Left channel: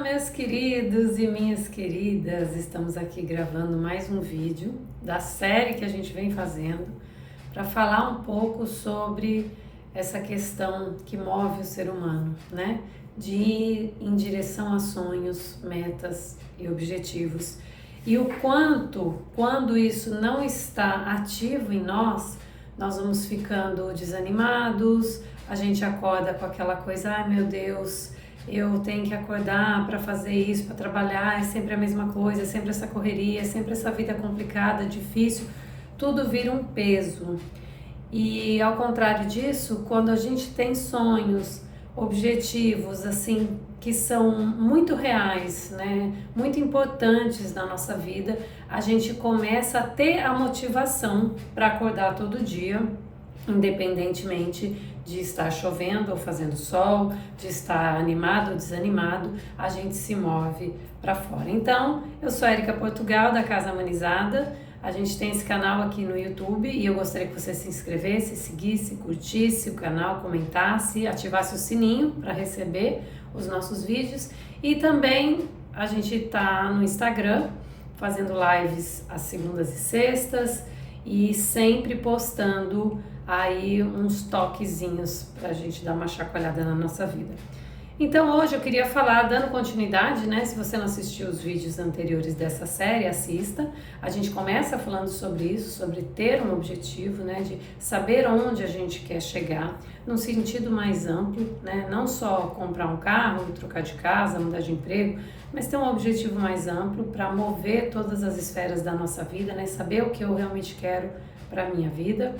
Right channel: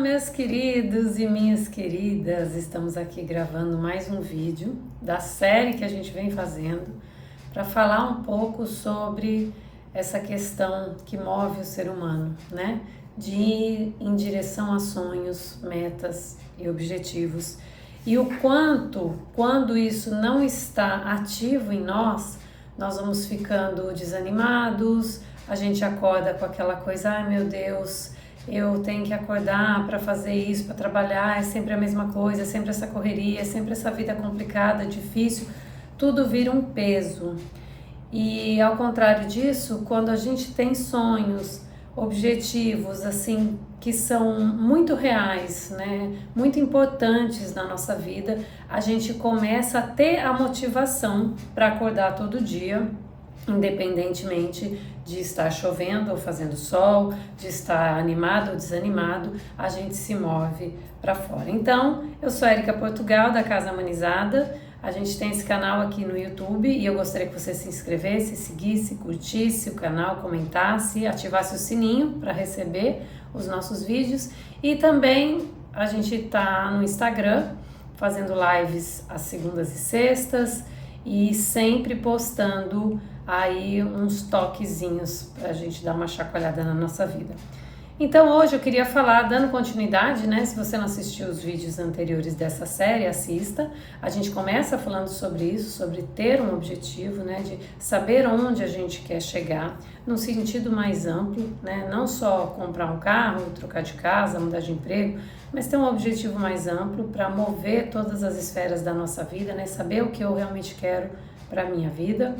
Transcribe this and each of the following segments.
Meus queridos e minhas queridas, estamos aqui gravando mais um vídeo da série que a gente vem fazendo para falar um pouco sobre essa questão que move o ser humano, né? De ir em direção a sonhos, metas e objetivos. E o quanto, quando isso não está ativo em nós, nós vamos ficando desanimados, a gente acorda com aquela coisa, ai meu Deus, eu tenho que acordar para fazer isso, para trabalhar, é sempre a mesma coisa, é sempre essa correria, é sempre essa vida complicada, difícil, tudo vira um peso. E ao contrário disso, quando a gente tem sonhos, objetivos assim que são muito reais, né, muito importantes na nossa vida, a gente começa a ter a motivação para acordar todo dia, independentemente de estar chovendo ou fazendo sol, de estar animado ou desanimado, a gente se move para fora. Então, eu sou a Erika Portugal, da Casa Humanizada. A gente tem esse canal aqui no YouTube e eu gostaria que você se inscrevesse, seguisse, curtisse o canal, comentasse, ativasse o sininho para receber os nossos vídeos. E também a gente está no Instagram, fazendo lives às segundas e sextas e sempre postando aí uns toquezinhos para a gente dar uma chacoalhada na nossa vida. Então hoje eu queria falar, dando continuidade, né? Se você não assistiu os vídeos anteriores dessa série, assista. A gente começa falando sobre isso, sobre ter um objetivo, né? De saber onde a gente quer chegar, num sentido mais amplo, né? Não só comprar um carro, trocar de casa, mudar de emprego, mas ter um objetivo mais amplo para mover todas as esferas da nossa vida, né? Saber o que eu realmente quero para a minha vida.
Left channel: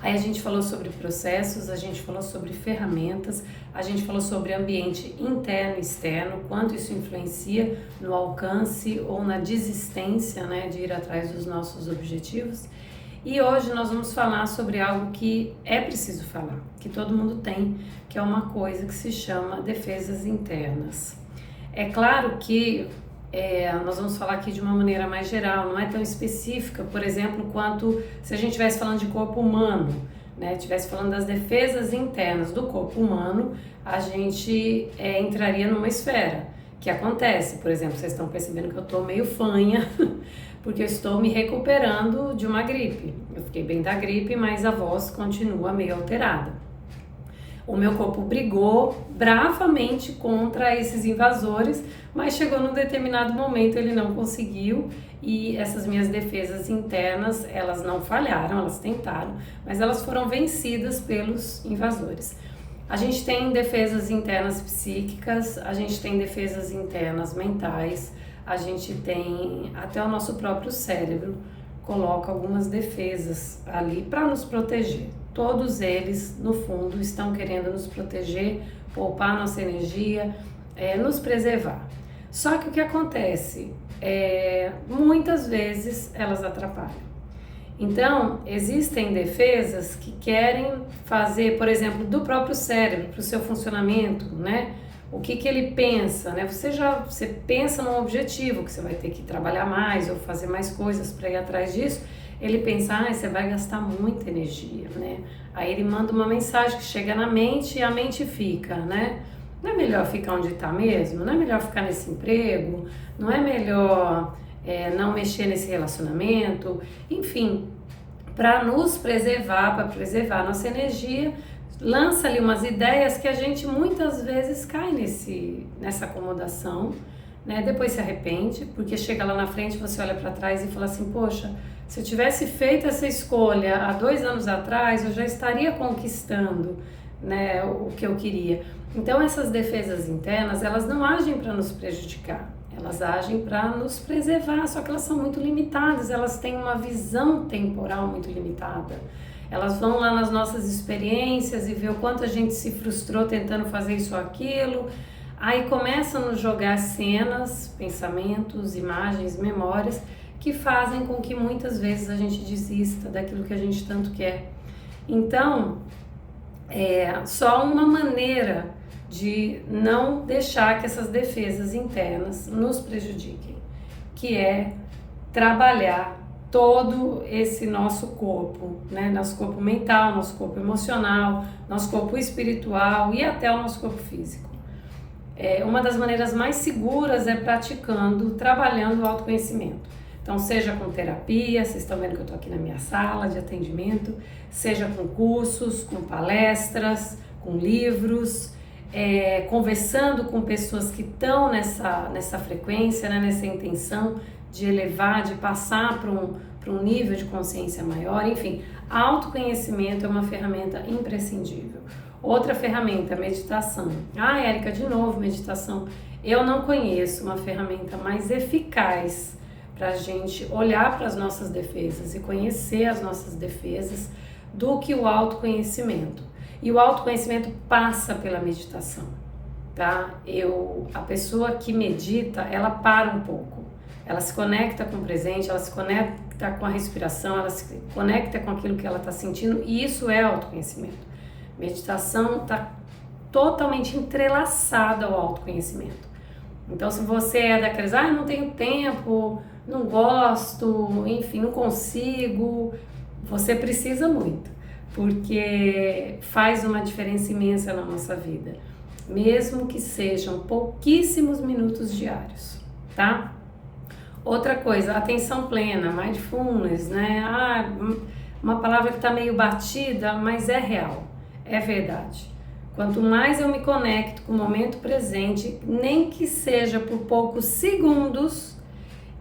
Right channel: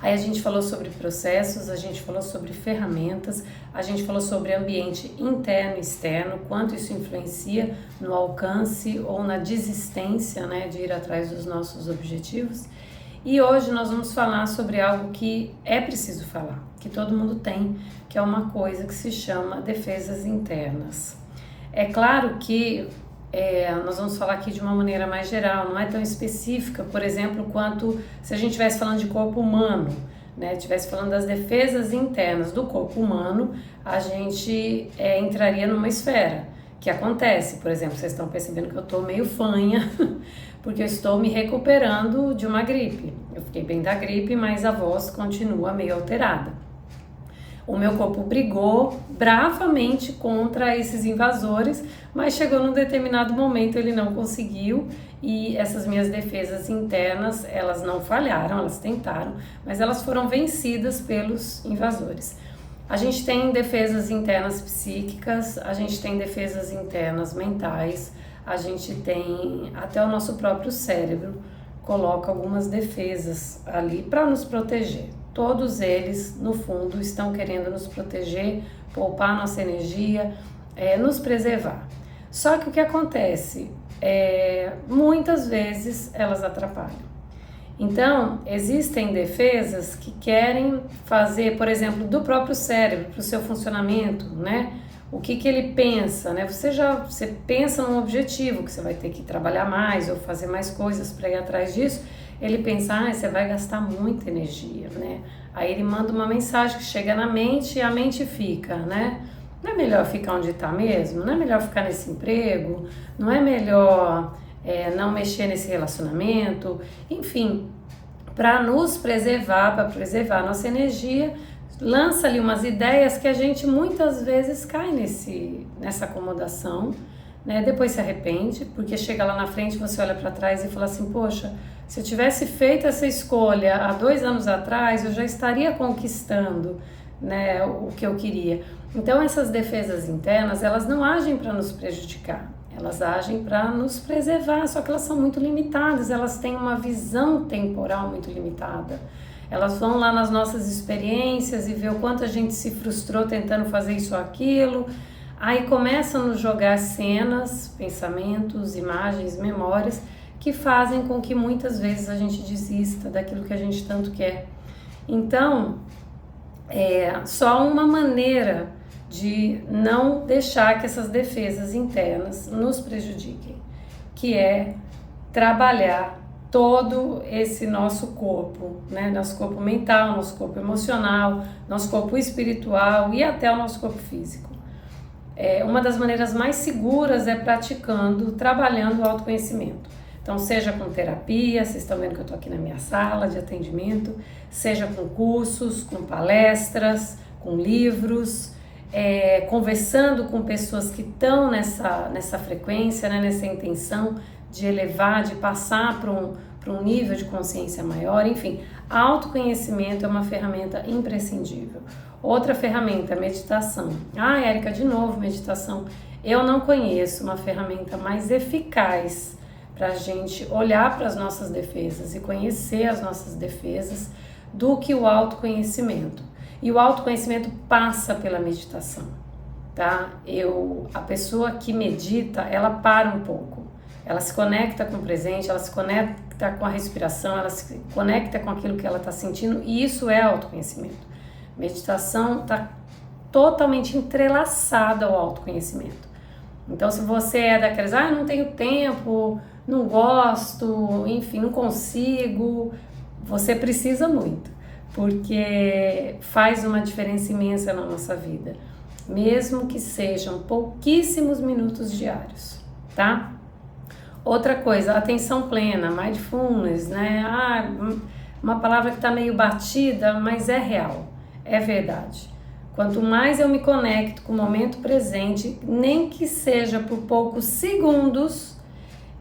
Aí a gente falou sobre processos, a gente falou sobre ferramentas, a gente falou sobre ambiente interno e externo, quanto isso influencia no alcance ou na desistência, né, de ir atrás dos nossos objetivos. E hoje nós vamos falar sobre algo que é preciso falar, que todo mundo tem, que é uma coisa que se chama defesas internas. É claro que nós vamos falar aqui de uma maneira mais geral, não é tão específica, por exemplo, quanto se a gente estivesse falando de corpo humano, né? Estivesse falando das defesas internas do corpo humano, a gente entraria numa esfera que acontece, por exemplo, vocês estão percebendo que eu estou meio fanha, porque eu estou me recuperando de uma gripe. Eu fiquei bem da gripe, mas a voz continua meio alterada. O meu corpo brigou bravamente contra esses invasores, mas chegou num determinado momento ele não conseguiu e essas minhas defesas internas, elas não falharam, elas tentaram, mas elas foram vencidas pelos invasores. A gente tem defesas internas psíquicas, a gente tem defesas internas mentais, a gente tem até o nosso próprio cérebro coloca algumas defesas ali para nos proteger. Todos eles, no fundo, estão querendo nos proteger, poupar nossa energia, nos preservar. Só que o que acontece? Muitas vezes elas atrapalham. Então, existem defesas que querem fazer, por exemplo, do próprio cérebro, para o seu funcionamento, né? O que ele pensa, né? Você pensa num objetivo, que você vai ter que trabalhar mais ou fazer mais coisas para ir atrás disso. Ele pensa, você vai gastar muita energia, né? Aí ele manda uma mensagem que chega na mente e a mente fica, né? Não é melhor ficar onde está mesmo? Não é melhor ficar nesse emprego? Não é melhor não mexer nesse relacionamento? Enfim, para nos preservar, para preservar a nossa energia, lança ali umas ideias que a gente muitas vezes cai nessa acomodação, né? Depois se arrepende, porque chega lá na frente, você olha para trás e fala assim, poxa, se eu tivesse feito essa escolha há 2 anos atrás, eu já estaria conquistando, né, o que eu queria. Então essas defesas internas, elas não agem para nos prejudicar, elas agem para nos preservar, só que elas são muito limitadas, elas têm uma visão temporal muito limitada. Elas vão lá nas nossas experiências e vê o quanto a gente se frustrou tentando fazer isso ou aquilo. Aí começam a nos jogar cenas, pensamentos, imagens, memórias que fazem com que muitas vezes a gente desista daquilo que a gente tanto quer. Então, só uma maneira de não deixar que essas defesas internas nos prejudiquem, que é trabalhar todo esse nosso corpo, né? Nosso corpo mental, nosso corpo emocional, nosso corpo espiritual e até o nosso corpo físico. uma das maneiras mais seguras é praticando, trabalhando o autoconhecimento. Então, seja com terapia, vocês estão vendo que eu estou aqui na minha sala de atendimento, seja com cursos, com palestras, com livros, conversando com pessoas que estão nessa frequência, né, nessa intenção de elevar, de passar para um nível de consciência maior. Enfim, autoconhecimento é uma ferramenta imprescindível. Outra ferramenta, meditação. Érica, de novo meditação. Eu não conheço uma ferramenta mais eficaz para a gente olhar para as nossas defesas e conhecer as nossas defesas do que o autoconhecimento. E o autoconhecimento passa pela meditação, tá? A pessoa que medita, ela para um pouco. Ela se conecta com o presente, ela se conecta com a respiração, ela se conecta com aquilo que ela está sentindo, e isso é autoconhecimento. Meditação está totalmente entrelaçada ao autoconhecimento. Então, se você é daqueles, não tenho tempo, não gosto, enfim, não consigo, você precisa muito, porque faz uma diferença imensa na nossa vida, mesmo que sejam pouquíssimos minutos diários, tá? Outra coisa, atenção plena, mindfulness, né? Uma palavra que está meio batida, mas é real, é verdade. Quanto mais eu me conecto com o momento presente, nem que seja por poucos segundos,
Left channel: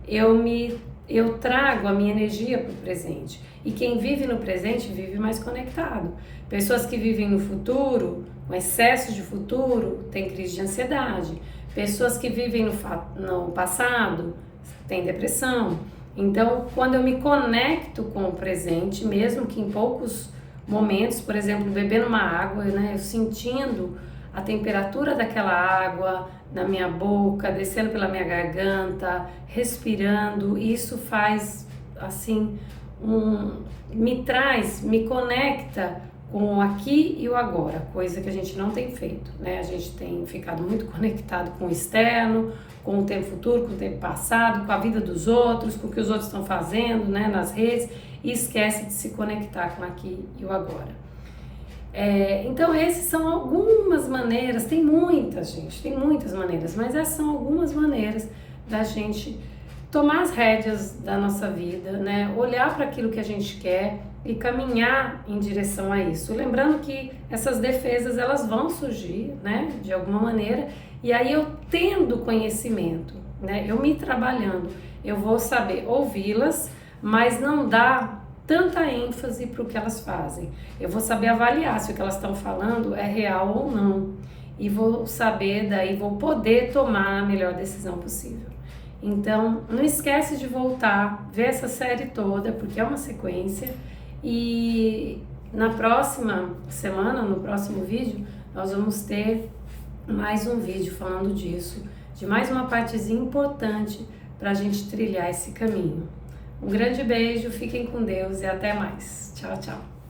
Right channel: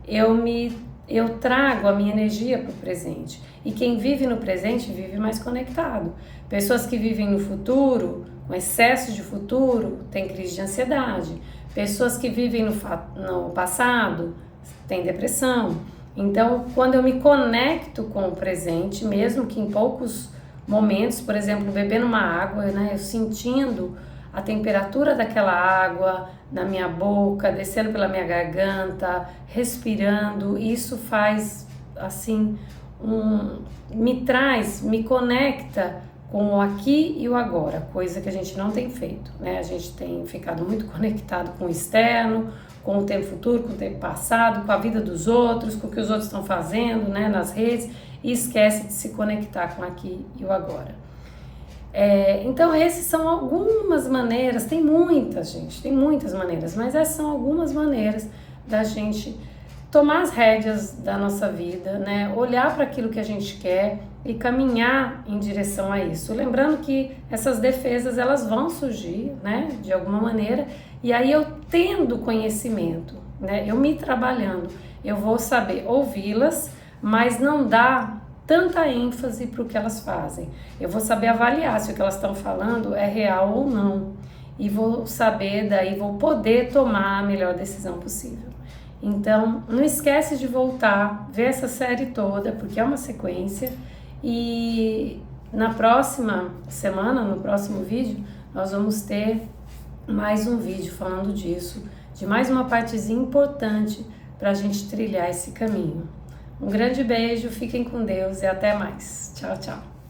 eu trago a minha energia para o presente. E quem vive no presente vive mais conectado. Pessoas que vivem no futuro, com excesso de futuro, têm crise de ansiedade. Pessoas que vivem no passado têm depressão. Então, quando eu me conecto com o presente, mesmo que em poucos momentos, por exemplo, bebendo uma água, né, eu sentindo a temperatura daquela água na minha boca, descendo pela minha garganta, respirando, isso faz assim, me conecta com o aqui e o agora, coisa que a gente não tem feito, né? A gente tem ficado muito conectado com o externo, com o tempo futuro, com o tempo passado, com a vida dos outros, com o que os outros estão fazendo, né, nas redes, e esquece de se conectar com o aqui e o agora. Então essas são algumas maneiras, tem muitas, gente, tem muitas maneiras, mas essas são algumas maneiras da gente tomar as rédeas da nossa vida, né? Olhar para aquilo que a gente quer e caminhar em direção a isso. Lembrando que essas defesas, elas vão surgir, né? De alguma maneira, e aí eu tendo conhecimento, né? Eu me trabalhando, eu vou saber ouvi-las, mas não dar tanta ênfase para o que elas fazem. Eu vou saber avaliar se o que elas estão falando é real ou não, e vou saber, daí vou poder tomar a melhor decisão possível. Então, não esquece de voltar, ver essa série toda, porque é uma sequência, e na próxima semana, no próximo vídeo, nós vamos ter mais um vídeo falando disso, de mais uma partezinha importante para a gente trilhar esse caminho. Um grande beijo, fiquem com Deus e até mais. Tchau, tchau.